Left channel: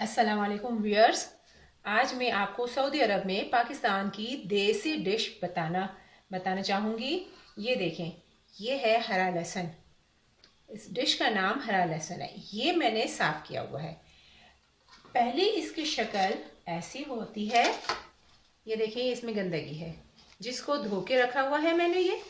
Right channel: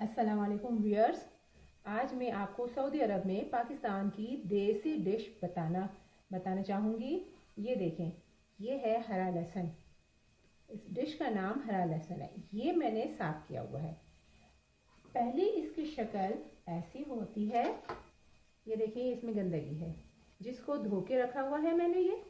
अस्सलाम वालेकुम व्यूअर्स। आज मैं आपको सऊदी अरब में पाकिस्तान की देसी डिश बताना चाहूँगी। ये देखें, ये है हरा लहसुन। इस डिश का नाम हरा लहसुन है। ये मैंने साफ़ किया हुआ है। पहले इसकी शक्ल ऐसी होती है। ये देखिए, इसमें गंदगी है जिसको धो के रखा हुआ है मैंने। ये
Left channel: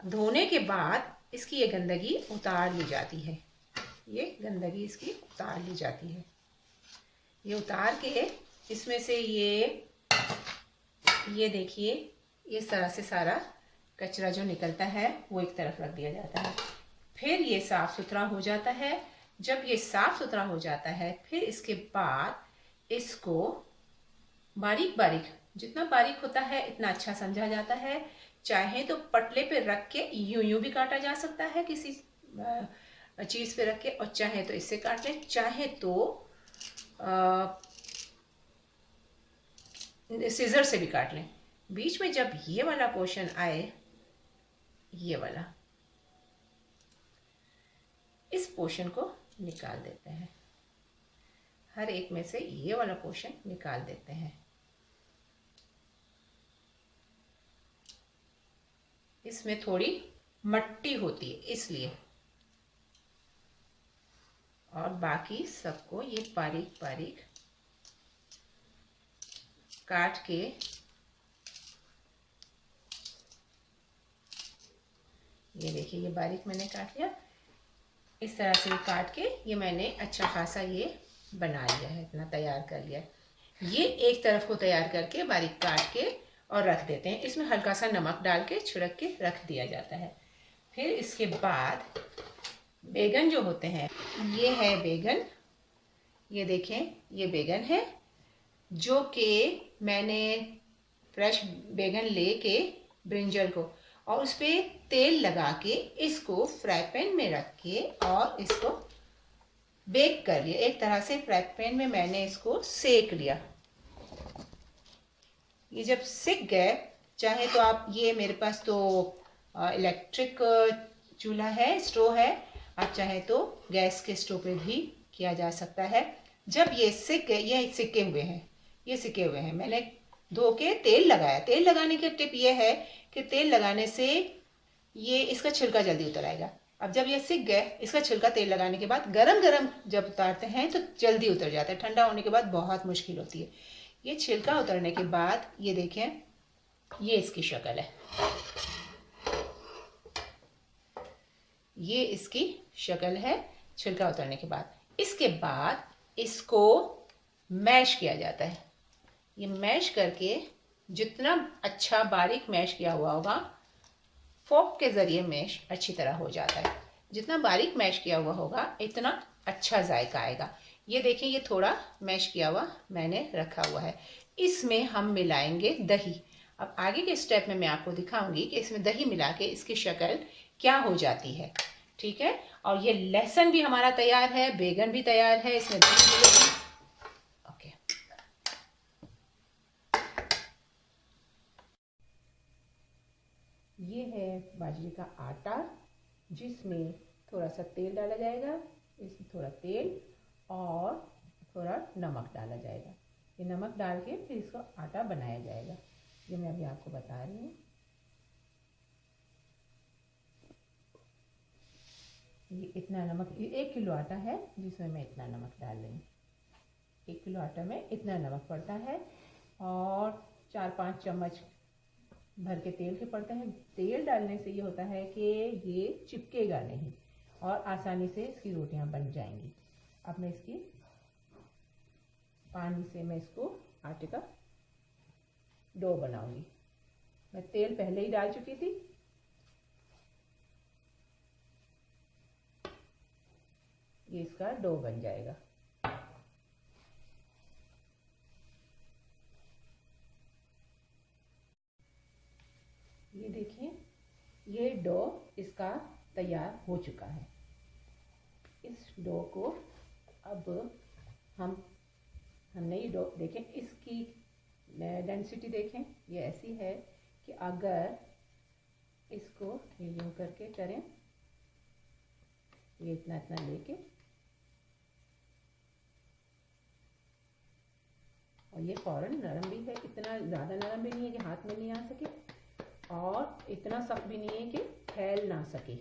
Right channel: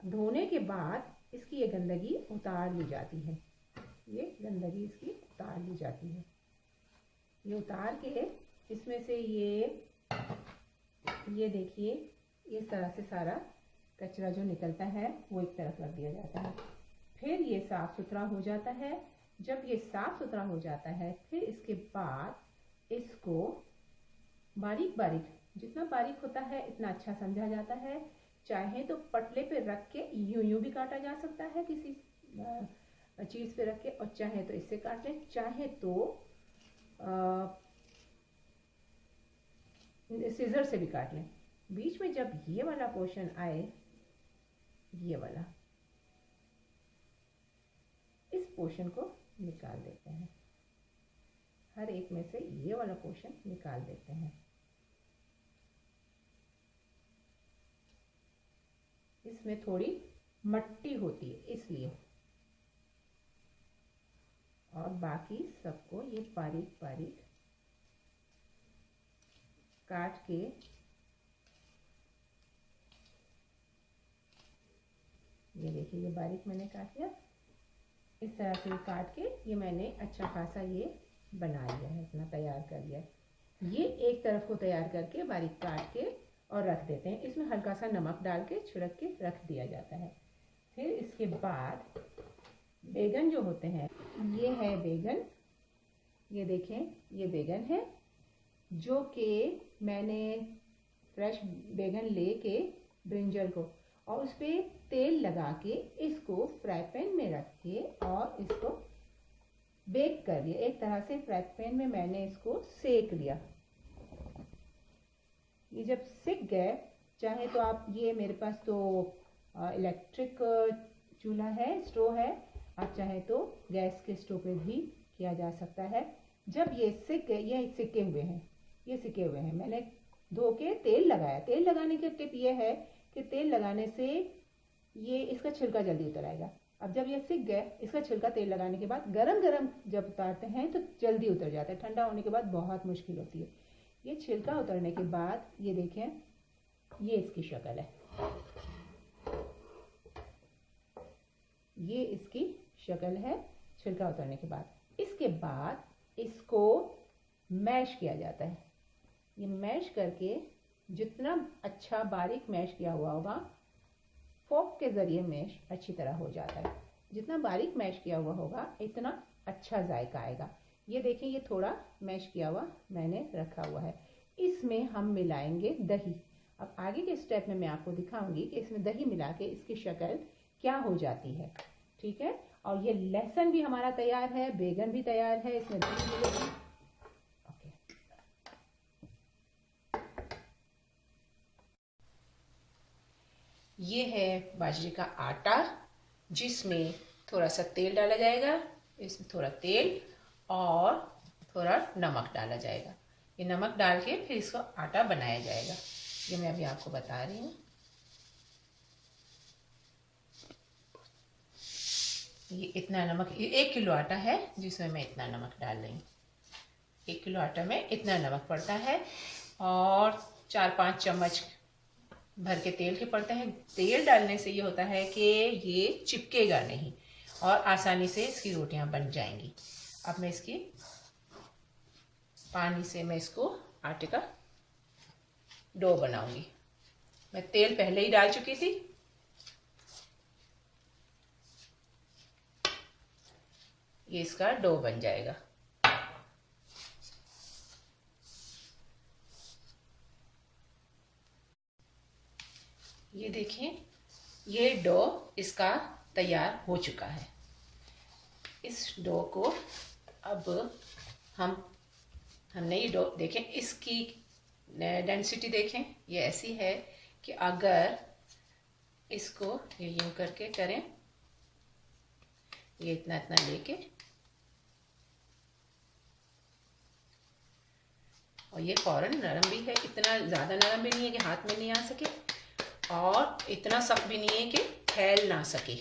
धोने के बाद इसकी ये गंदगी उतार ली जाती है। ये गंदगी इसकी उतार ली जाती है। ये उतार के इसमें से ये देखिए, इस तरह से सारा कचरा जो निकलता है वो एक तरफ रख दिया जाता है। फिर ये साफ़ सुथरा हो जाता है। जब ये साफ़ सुथरा हो जाता है फिर इसके बाद इसको बारीक बारीक, जितना बारीक होता है इतना अच्छा समझा जाता है। चाहे तो पटले पे रख के यूं भी काटा जा सकता है, किसी चीज़ पे रख के, और चाहे तो इससे काट लें, चाहे तो सीजर से भी काट लें। बीच में जब ये वाला पोर्शन आए, ये वाला, इस पोर्शन को निकाल देते हैं। हर एक में से ये वाला पोर्शन निकाल देते हैं। इसमें थोड़ी मट्टी होती है इसलिए, और बाकी सबको ये बारीक बारीक काट के, ये देखिए ये बारीक मैंने काट लिया। इस तरह से काट के ये मैंने अच्छा खासा ये बना लिया है, इतना तैयार कर लिया। ये एक तरफ को तैयार करके बारीक काट के और रख देते हैं। इसमें हल्का सा नमक डाल के छिड़क के रख दिया जाता है। फिर इसके बाद बैगन जो होते हैं, ये है बैगन। ये देखें, ये बैगन है जो कि मैंने फ्रेश बैगन लेके ब्रिंजल को, और उस पर तेल लगा के इसको फ्राई पैन में रख के और इसको बेक कर लिया। एक तरह से फ्राई पैन में मैंने इसको सेक लिया। ये जब सिक गए, चाहे तो आप, ये मेरे पास तो इलेक्ट्रिक चूल्हा है, स्टोव है, आप चाहे तो गैस के स्टोव पे भी किया जा सकता है। जब ये सिक गए, ये सिके हुए हैं, ये सिके हुए हैं, मैंने धो के तेल लगाया। तेल लगाने की टिप ये है कि तेल लगाने से ये इसका छिलका जल्दी उतर आएगा। अब जब ये सिक गए, इसका छिलका तेल लगाने के बाद गरम गरम जब उतारते हैं तो जल्दी उतर जाता है। ठंडा होने के बाद बहुत मुश्किल होती है। ये छिलका उतरने के बाद ये देखें, ये इसकी शक्ल है। ये इसकी शक्ल है छिलका उतरने के बाद। इसके बाद इसको मैश किया जाता है। ये मैश करके, जितना अच्छा बारीक मैश किया हुआ होगा, फोक के ज़रिए मैश अच्छी तरह हो जाता है। जितना बारीक मैश किया हुआ होगा इतना अच्छा जायका आएगा। ये देखिए, ये थोड़ा मैश किया हुआ मैंने रखा हुआ है। इसमें हम मिलाएंगे दही। अब आगे के स्टेप में मैं आपको दिखाऊंगी कि इसमें दही मिला के इसकी शक्ल क्या हो जाती है। ठीक है, और ये लहसुन भी हमारा तैयार है, बैगन भी तैयार है, इसमें दही मिलेगी। ओके, ये है बाजरे का आटा जिसमें थोड़ा सा तेल डाला जाएगा। इसमें थोड़ा तेल और थोड़ा नमक डाला जाएगा। ये नमक डाल के फिर इसको आटा बनाया जाएगा। ये मैं अभी आपको बता रही हूँ। ये इतना नमक, ये 1 किलो आटा है जिसमें मैं इतना नमक डाल रही हूँ। 1 किलो आटा में इतना नमक पड़ता है, और 4-5 चम्मच भर के तेल के पड़ते हैं। तेल डालने से ये होता है कि ये चिपकेगा नहीं और आसानी से इसकी रोटियां बन जाएंगी। अब मैं इसकी पानी से मैं इसको आटे का डो बनाऊंगी। मैं तेल पहले ही डाल चुकी थी। ये इसका डो बन जाएगा। ये देखिए, ये डो इसका तैयार हो चुका है। इस डो को अब हमने ये डो देखें, इसकी डेंसिटी देखें, ये ऐसी है कि अगर इसको ये यूं करके करें, ये इतना इतना लेके ये फ़ौरन नरम भी है, इतना ज़्यादा नरम भी नहीं है कि हाथ में नहीं आ सके और इतना सख्त भी नहीं है कि फैल ना सके।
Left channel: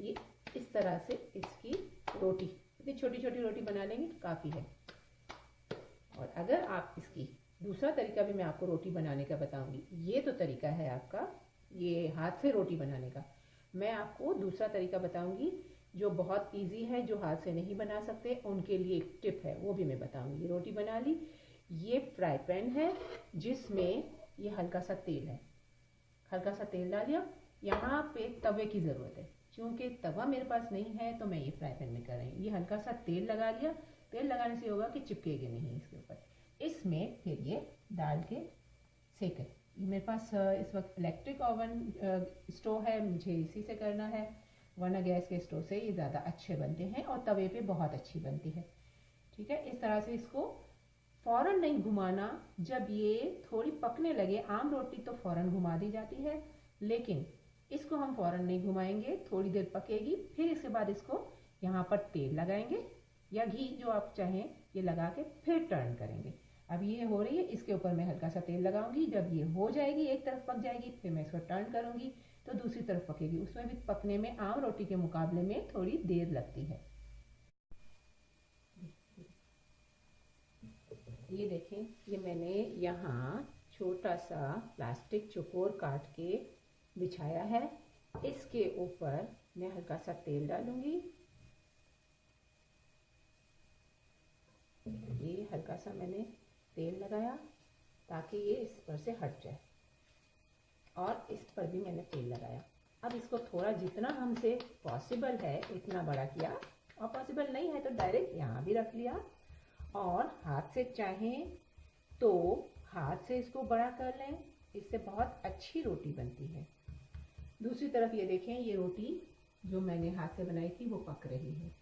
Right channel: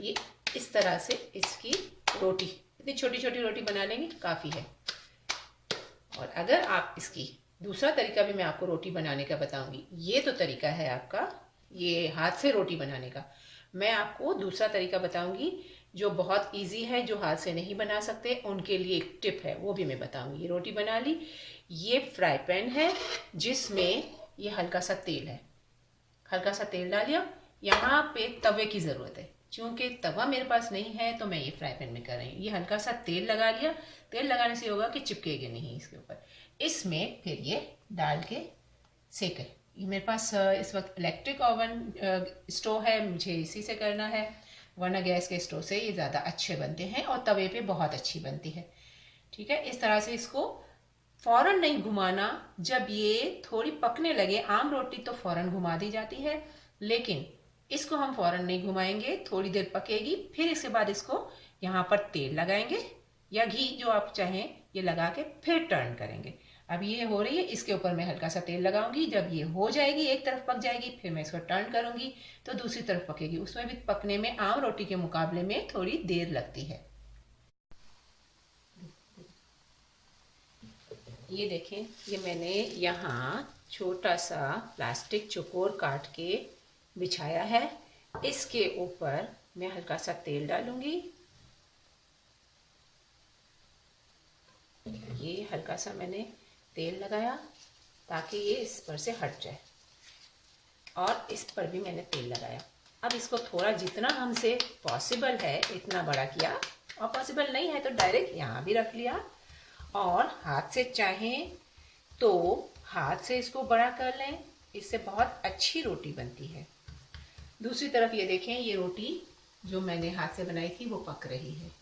ये इस तरह से इसकी रोटी, इतनी छोटी छोटी रोटी बना लेंगे काफ़ी है। और अगर आप इसकी दूसरा तरीका भी मैं आपको रोटी बनाने का बताऊंगी। ये तो तरीका है आपका ये हाथ से रोटी बनाने का। मैं आपको दूसरा तरीका बताऊंगी जो बहुत इजी है, जो हाथ से नहीं बना सकते उनके लिए एक टिप है, वो भी मैं बताऊंगी। ये रोटी बना ली। ये फ्राई पैन है जिसमें ये हल्का सा तेल है, हल्का सा तेल डालिए। यहाँ पे तवे की ज़रूरत है, क्योंकि तवा मेरे पास नहीं है तो मैं ये फ्राई पैन में कर रही हूँ। ये हल्का सा तेल लगा लिया। तेल लगाने से होगा कि चिपकेगा नहीं इसके ऊपर। इसमें फिर ये डाल के सेकें। ये मेरे पास इस वक्त इलेक्ट्रिक ओवन स्टोव है, मुझे इसी से करना है, वरना गैस के स्टोव से ये ज़्यादा अच्छे बनते हैं और तवे पे बहुत अच्छी बनती है। ठीक है, इस तरह से इसको फ़ौरन नहीं घुमाना। जब ये थोड़ी पकने लगे, आम रोटी तो फ़ौरन घुमा दी जाती है, लेकिन इसको हम फ़ौरन नहीं घुमाएंगे, थोड़ी देर पकेगी। फिर इसके बाद इसको यहाँ पर तेल लगाएंगे या घी, जो आप चाहें, ये लगा के फिर टर्न करेंगे। अब ये हो रही है, इसके ऊपर मैं हल्का सा तेल लगाऊंगी। जब ये हो जाएगी, एक तरफ पक जाएगी, फिर मैं इसको टर्न करूंगी तो दूसरी तरफ पकेगी। उसमें भी पकने में आम रोटी के मुकाबले में थोड़ी देर लगती है। ये देखें, ये मैंने यहाँ छोटा सा प्लास्टिक चौकोर काट के बिछाया है। इसके ऊपर मैं हल्का सा तेल डालूंगी। ये हल्का सा मैंने तेल लगाया ताकि ये इस पर से हट जाए, और इस पर भी मैंने तेल लगाया। अब इसको थोड़ा जितना हमसे पॉसिबल है इतना बड़ा किया, और पॉसिबल नहीं है तो डायरेक्ट यहाँ भी रख लिया। और हाथ से चाहें तो हाथ से इसको बड़ा कर लें, इससे बहुत अच्छी रोटी बनती है। दूसरी तरफ ये देखें, ये रोटी जो मैंने हाथ से बनाई थी वो पक रही है।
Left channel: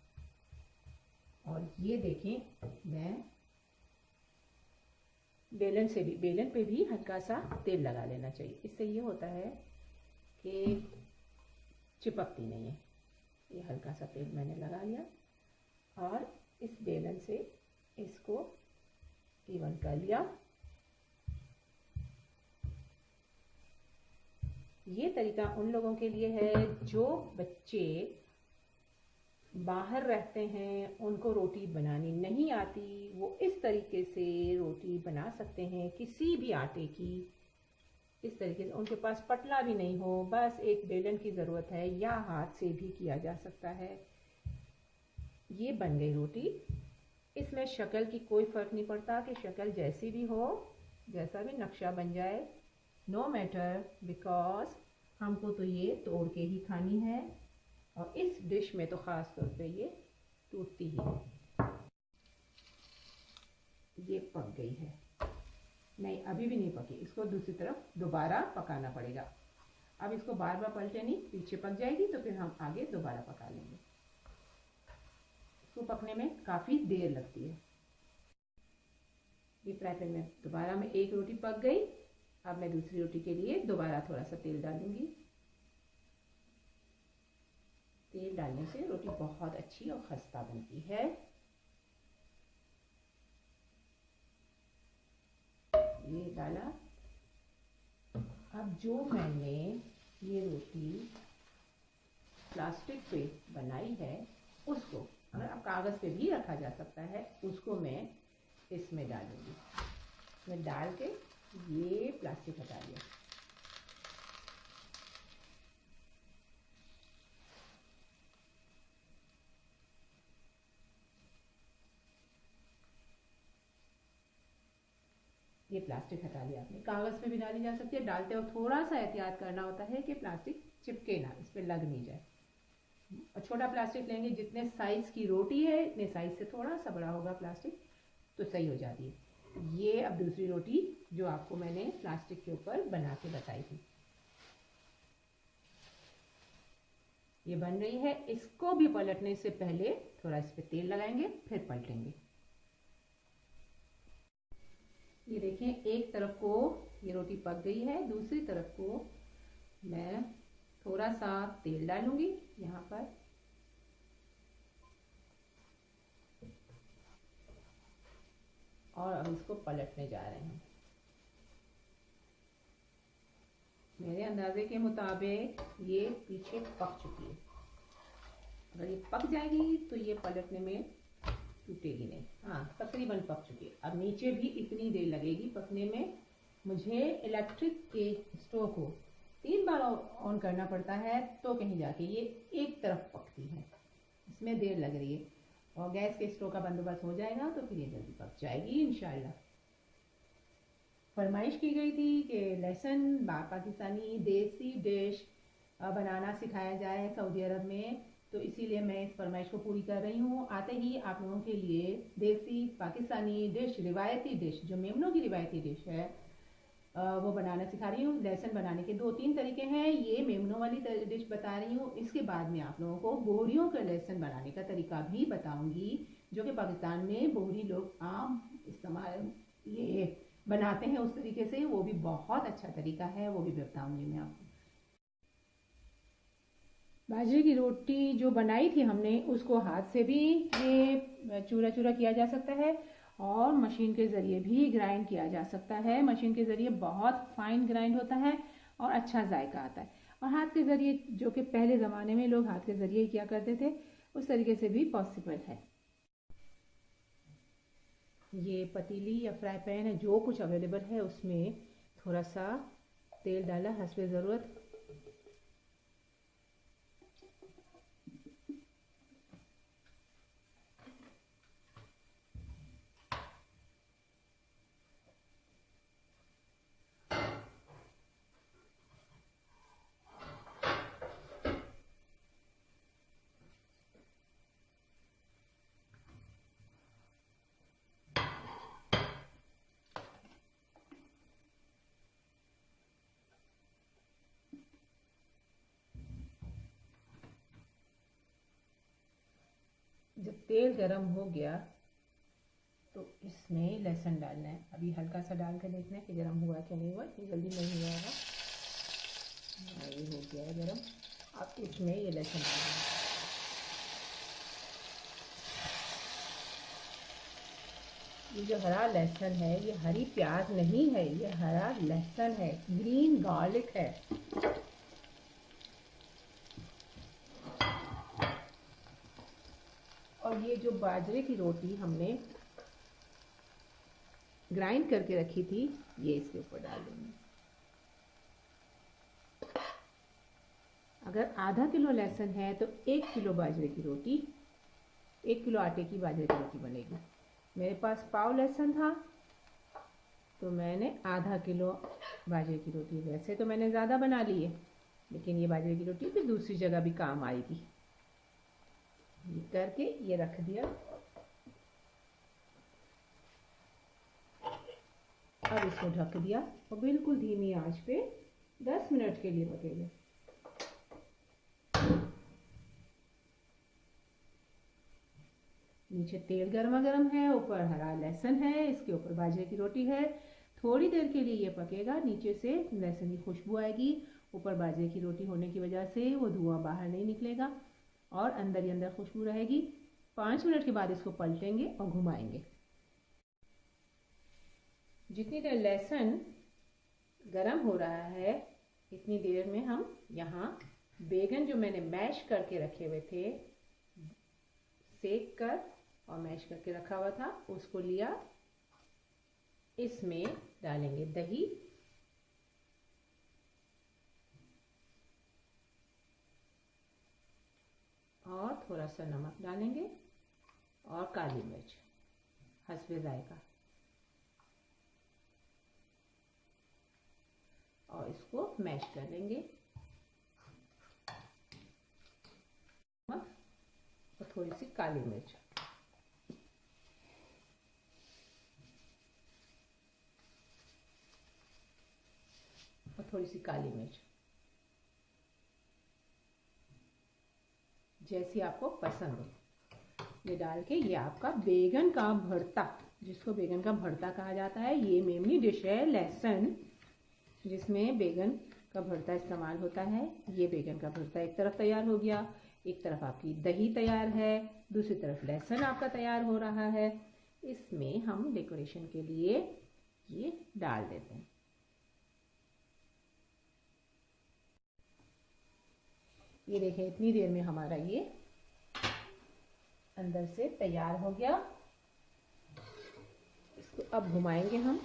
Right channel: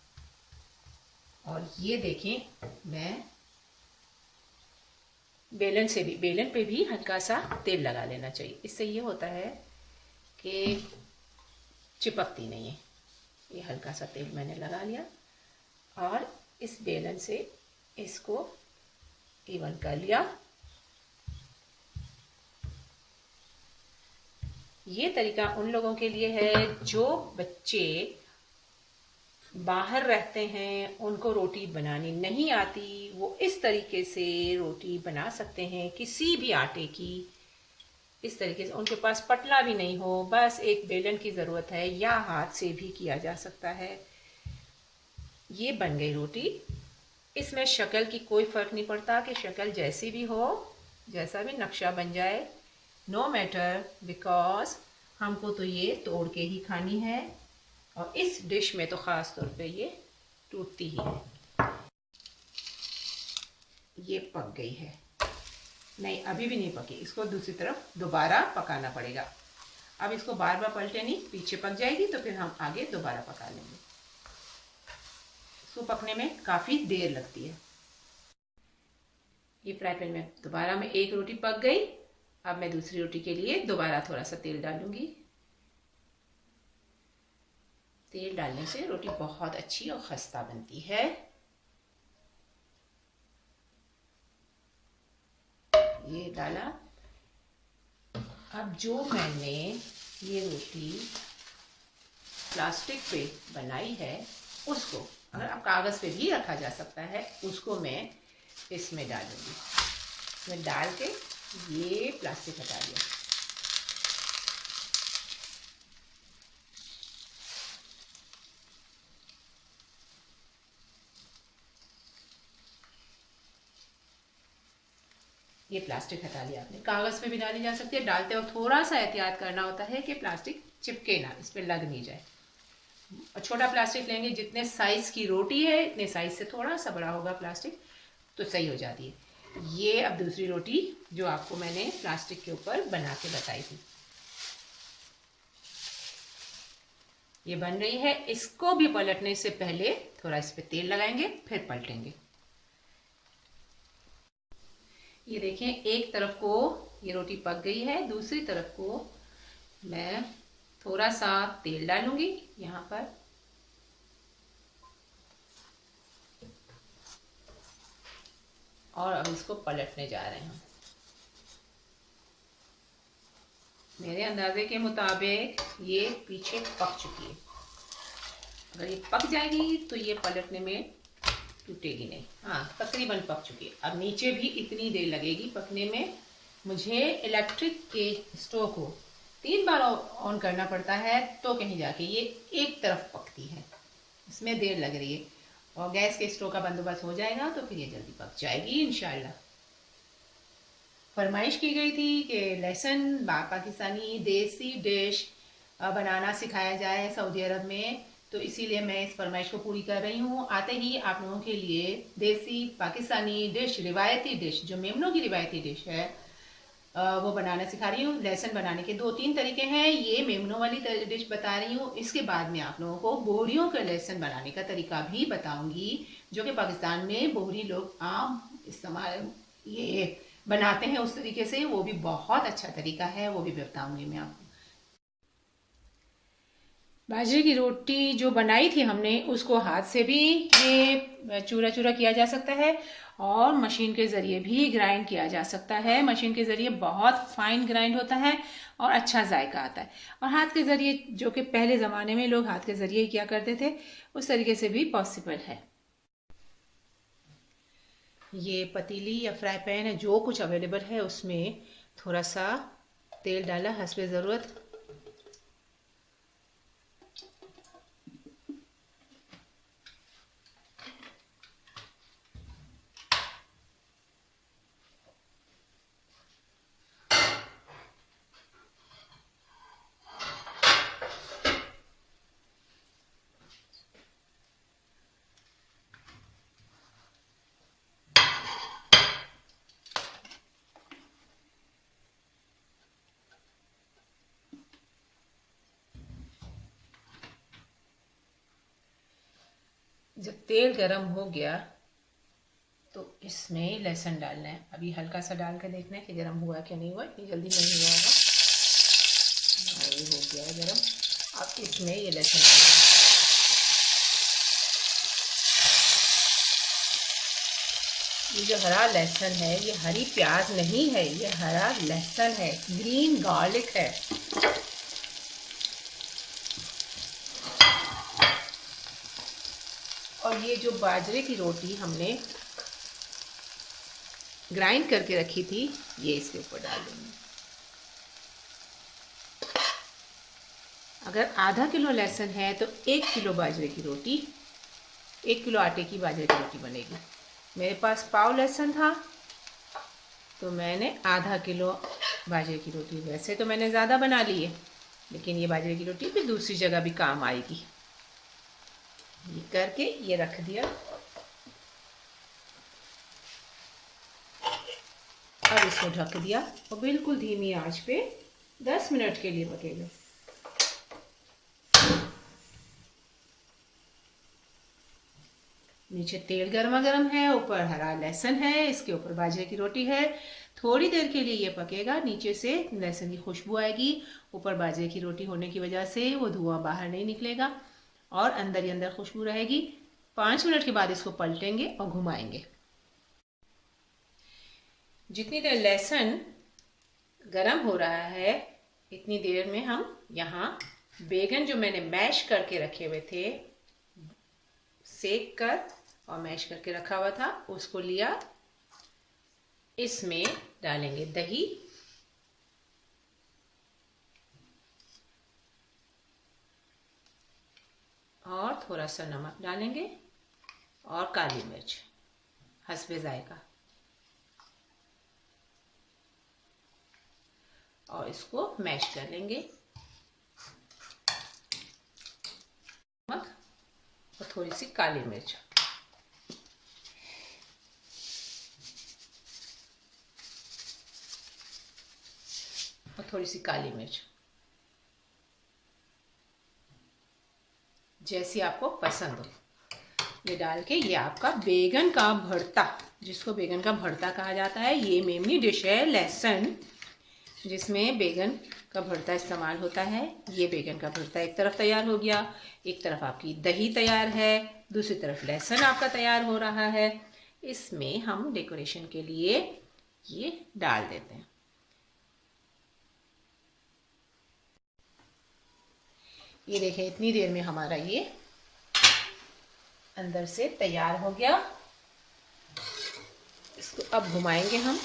और ये देखें, मैं बेलन से भी, बेलन पे भी हल्का सा तेल लगा लेना चाहिए। इससे ये होता है कि चिपकती नहीं है। ये हल्का सा तेल मैंने लगा लिया और इस बेलन से इसको इवन कर लिया। ये तरीका उन लोगों के लिए है जो बच्चे बाहर रहते हैं, उनको रोटी बनानी नहीं आती। वो इस तरीके से रोटी बना सकते हैं, किसी भी आटे की। इस तरीके से, उनके पास पटला भी नहीं हो, बस एक बेलन की ज़रूरत है, या हाथ से भी किया जा सकता है। ये बन गई रोटी। इसमें शक्ल की कोई फ़र्क नहीं पड़ता कि शक्ल जैसी भी हो, जैसा भी नक्शा बन जाए, नो मैटर, बिकॉज हमको तो ये तोड़ के ही खानी है। और इस डिश में तो ख़ास तौर पे ये टूटती ही है। ये पक गई है। नहीं, अभी भी नहीं पकी, इसको दूसरी तरफ दोबारा पकाना पड़ेगा। अब इसको बार बार पलटे नहीं, पीछे पक जाएगी तो फिर हम आगे दोबारा पका लेंगे। इसको पकने में काफ़ी देर लगती है। ये फ्राई पैन में दोबारा में एक रोटी पक गई। अब मैं दूसरी रोटी के लिए दोबारा थोड़ा सा तेल डालूंगी। तेल डालने से रोटी बहुत अच्छी और खस्ता बनती है। ये डाला। अब जो मैंने ये रोटी प्लास्टिक पे बनाई है, उसको, अगर आप कागज़ पे भी रखा जा सकता है, उसको मैं इसमें डालूंगी। मैं डाल के ये प्लास्टिक हटा दिया। ये प्लास्टिक हटा लिया आपने। कागज़ पे भी डाली जा सकती है। डालते वक्त थोड़ा सा एहतियात करना होता है कि प्लास्टिक चिपके ना, इस पर लग नहीं जाए। और छोटा प्लास्टिक लेंगे, जितने साइज़ की रोटी है इतने साइज़ से थोड़ा सा बड़ा होगा प्लास्टिक तो सही हो जाती है। ये अब दूसरी रोटी जो आपको मैंने प्लास्टिक के ऊपर बना के बताई थी, ये बन रही है। इसको भी पलटने से पहले थोड़ा इस पर तेल लगाएंगे, फिर पलटेंगे। ये देखें, एक तरफ को ये रोटी पक गई है, दूसरी तरफ को मैं थोड़ा सा तेल डालूंगी यहाँ पर। और अब इसको पलटने जा रहे हैं। मेरे अंदाजे के मुताबिक ये पीछे पक चुकी है। अगर ये पक जाएगी तो ये पलटने में टूटेगी नहीं। हाँ, तकरीबन पक चुकी है। अब नीचे भी इतनी देर लगेगी पकने में। मुझे इलेक्ट्रिक के स्टोव को 3 बार ऑन करना पड़ता है तो कहीं जाके ये एक तरफ पकती है, इसमें देर लग रही है। और गैस के स्टोव का बंदोबस्त हो जाएगा तो फिर ये जल्दी पक जाएगी इंशाल्लाह। फरमाइश की गई थी कि लहसुन पाकिस्तानी देसी डिश बनाना सिखाया जाए सऊदी अरब में, तो इसीलिए मैं इस फरमाइश को पूरी कर रही हूँ। आते ही आप लोगों के लिए देसी पाकिस्तानी डिश, रिवायती डिश, जो मेमनों की रिवायती डिश है, वो बनाना सिखा रही हूँ। लहसुन बनाने के 2-3 तरीके हैं। ये मेमनों वाली डिश बता रही हूँ। इसके बाद में आप लोगों को बोहरियों का लहसुन बनाने का तरीका भी बताऊंगी, जो कि पाकिस्तान में बोहरी लोग आम इस्तेमाल ये बनाते हैं उस तरीके से। वो भी बहुत अच्छा तरीका है, वो भी बताऊंगी मैं आपको। बाजरे की रोटी जो बनाई थी हमने, उसको हाथ से भी ये चूरा चूरा किया जा सकता है और मशीन के ज़रिए भी ग्राइंड किया जा सकता है। मशीन के ज़रिए बहुत फाइन ग्राइंड होता है और अच्छा जायका आता है। और हाथ के ज़रिए, जो कि पहले ज़माने में लोग हाथ के ज़रिए ही किया करते थे, उस तरीके से भी पॉसिबल है। ये पतीली या फ्राई पैन है, जो कुछ अवेलेबल है उसमें थोड़ा सा तेल डाला हस्बे ज़रूरत। जब तेल गरम हो गया तो इसमें लहसुन डालना है। अभी हल्का सा डाल कर देखना है कि गरम हुआ क्या नहीं हुआ। ये जल्दी नहीं हुआ होगा। ये हो गया है गरम। अब इसमें ये लहसुन डालना है। ये जो हरा लहसुन है, ये हरी प्याज नहीं है, ये हरा लहसुन है, ग्रीन गार्लिक है। और ये जो बाजरे की रोटी हमने ग्राइंड करके रखी थी, ये इसके ऊपर डाल देंगे। अगर आधा किलो लहसुन है तो 1 किलो बाजरे की रोटी, 1 किलो आटे की बाजरे की रोटी बनेगी। मेरे पास पाव लहसुन था तो मैंने आधा किलो बाजरे की रोटी, वैसे तो मैंने ज़्यादा बना ली है, लेकिन ये बाजरे की रोटी फिर दूसरी जगह भी काम आएगी। ये करके ये रख दिया। अब इसको ढक दिया और बिल्कुल धीमी आंच पे 10 मिनट के लिए पकेगा। नीचे तेल गर्मा गर्म है, ऊपर हरा लहसुन है, इसके ऊपर बाजरे की रोटी है। थोड़ी देर के लिए ये पकेगा। नीचे से लहसुन की खुशबू आएगी, ऊपर बाजरे की रोटी होने की वजह से वो धुआं बाहर नहीं निकलेगा और अंदर ही अंदर खुशबू रहेगी। 5 मिनट के बाद इसको पलटेंगे और घुमाएंगे। जितनी देर लहसुन गरम हो रहा है, इतनी देर में हम यहाँ बैगन जो मैंने मैश करके रखे हुए थे, सेक कर और मैश करके रखा हुआ था, उसको लिया। इसमें डालेंगे दही, और थोड़ा सा नमक डालेंगे और काली मिर्च हस्बे जायका, और इसको मैश कर लेंगे। नमक और थोड़ी सी काली मिर्च, और थोड़ी सी काली मिर्च, जैसी आपको पसंद हो। ये डाल के ये आपका बैगन का भरता, जिसको बैगन का भरता कहा जाता है, ये मेमनी डिश है लहसुन, जिसमें बैगन का भरता इस्तेमाल होता है। ये बैगन का भरता एक तरफ तैयार हो गया, एक तरफ आपकी दही तैयार है, दूसरी तरफ लहसुन आपका तैयार हो रहा है। इसमें हम डेकोरेशन के लिए ये डाल देते हैं। ये देखें, इतनी देर में हमारा ये अंदर से तैयार हो गया। इसको अब घुमाएंगे हम।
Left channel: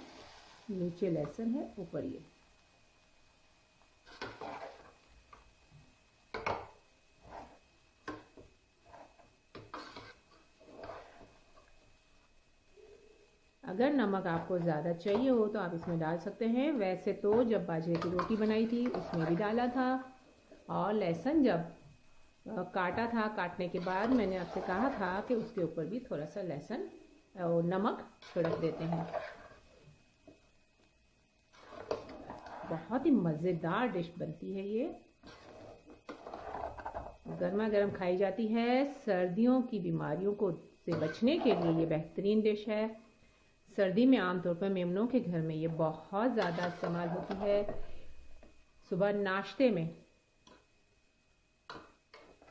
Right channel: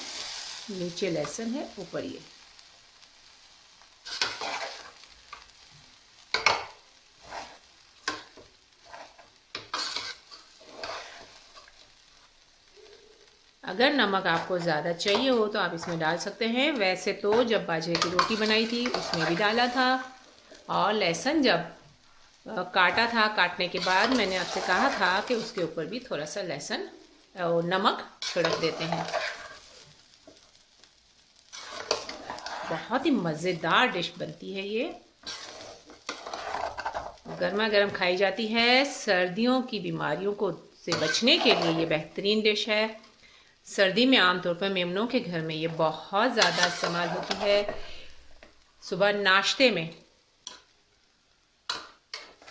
नीचे लहसुन है, ऊपर ये। अगर नमक आपको ज़्यादा चाहिए हो तो आप इसमें डाल सकते हैं। वैसे तो जब बाजरे की रोटी बनाई थी उसमें भी डाला था, और लहसुन जब काटा था, काटने के बाद मैंने आपसे कहा था कि उसके ऊपर भी थोड़ा सा लहसुन और नमक छिड़क देते हैं। बहुत ही मज़ेदार डिश बनती है ये, गर्मा गर्म खाई जाती है। सर्दियों की बीमारियों को से बचने के लिए ये बेहतरीन डिश है। सर्दी में आमतौर पर मेमनों के घर में ये बहुत ज़्यादा इस्तेमाल होती है। सुबह नाश्ते में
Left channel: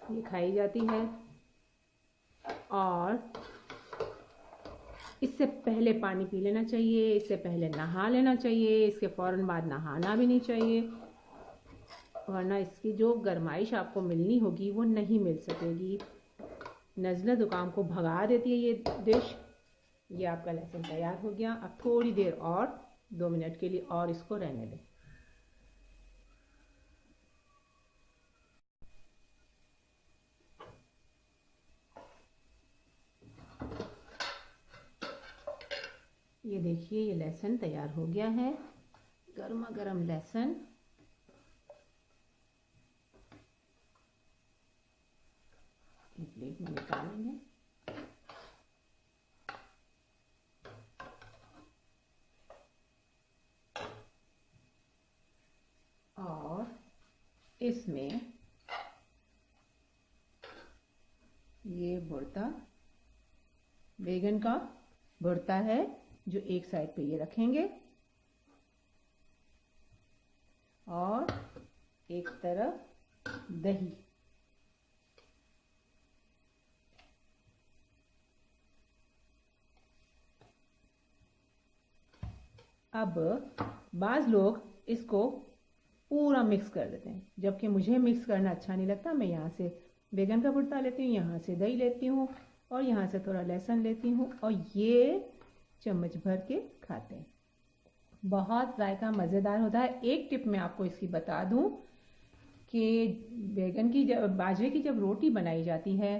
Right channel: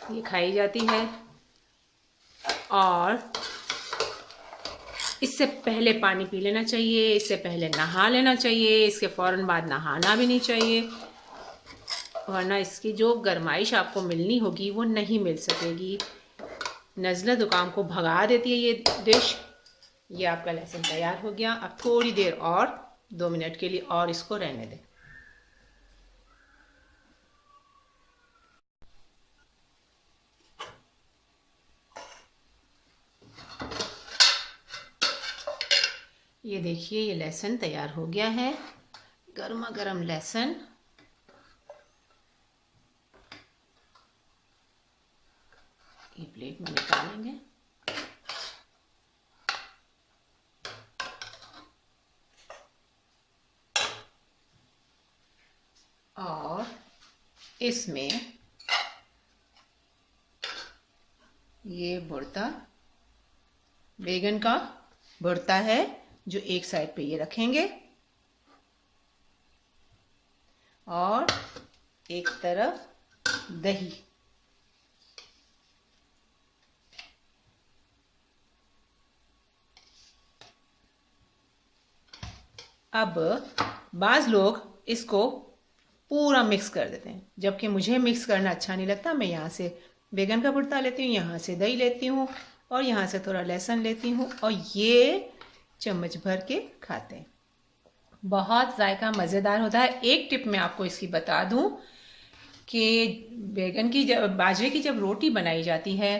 ये खाई जाती है, और इससे पहले पानी पी लेना चाहिए, इससे पहले नहा लेना चाहिए, इसके फ़ौरन बाद नहाना भी नहीं चाहिए, वरना इसकी जो गर्माइश आपको मिलनी होगी वो नहीं मिल सकेगी। नज़ला ज़ुकाम को भगा देती है ये डिश। ये आपका लहसुन तैयार हो गया। अब थोड़ी देर और 2 मिनट के लिए और इसको रहने दें। ये देखिए, ये लहसुन तैयार हो गया है, गर्मा गर्म लहसुन। ये प्लेट में निकालेंगे। और इसमें ये भुर्ता, बैगन का भुर्ता है, जो एक साइड पे ये रखेंगे, और एक तरफ दही। अब बाज़ लोग इसको पूरा मिक्स कर देते हैं, जबकि मुझे मिक्स करना अच्छा नहीं लगता। मैं यहाँ से बैगन का भुर्ता लेती हूँ, यहाँ से दही लेती हूँ, और यहाँ से थोड़ा लहसुन लेती हूँ, और ये चम्मच भर के खाते हैं। बहुत जायका मज़ेदार होता है। एक टिप मैं आपको इसकी बता दूँ कि बैगन की बाजरे की जब रोटी बनाई जाती है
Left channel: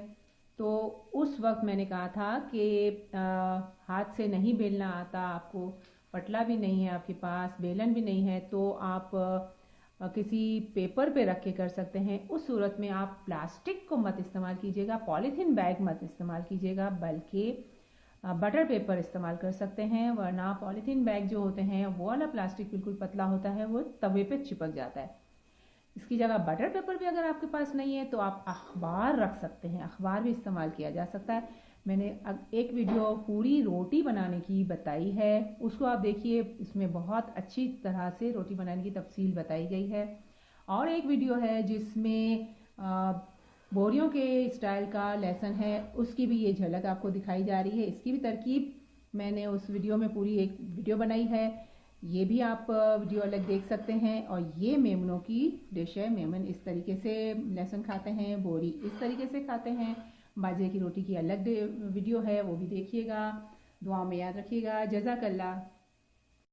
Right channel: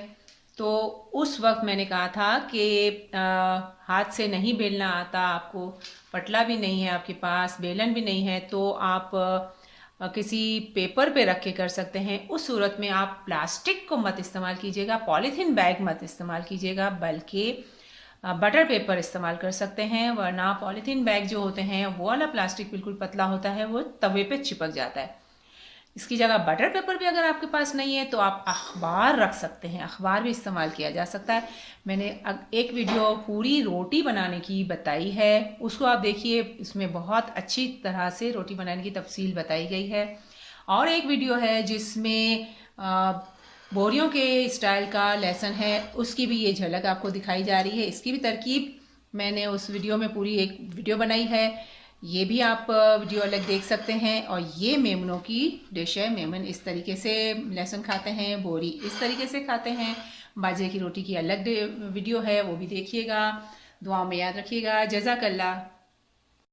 तो उस वक्त मैंने कहा था कि हाथ से नहीं बेलना आता आपको, पटला भी नहीं है आपके पास, बेलन भी नहीं है, तो आप किसी पेपर पे रख के कर सकते हैं। उस सूरत में आप प्लास्टिक को मत इस्तेमाल कीजिएगा, पॉलीथीन बैग मत इस्तेमाल कीजिएगा, बल्कि बटर पेपर इस्तेमाल कर सकते हैं। वरना पॉलीथीन बैग जो होते हैं वो वाला प्लास्टिक बिल्कुल पतला होता है, वो तवे पे चिपक जाता है। इसकी जगह बटर पेपर भी अगर आपके पास नहीं है तो आप अखबार रख सकते हैं, अखबार भी इस्तेमाल किया जा सकता है। मैंने एक वीडियो पूरी रोटी बनाने की बताई है, उसको आप देखिए, इसमें बहुत अच्छी तरह से रोटी बनाने की तफसील बताई गई है। और एक वीडियो है जिसमें बोरियों के स्टाइल का लहसुन है, उसकी भी ये झलक आपको दिखाई जा रही है। इसकी भी तरकीब मैंने उस वीडियो में पूरी एक वीडियो बनाई है, ये भी आप वीडियो अलग देख सकते हैं। और ये मेमनों की डिश है। मेमन इस तरीके से लहसुन खाते हैं, बोरी इस तरीके से खाते हैं। बाजरे की रोटी की अलग वीडियो है, वो भी देखिएगा। दुआ में याद रखिएगा। जज़ाकल्लाह।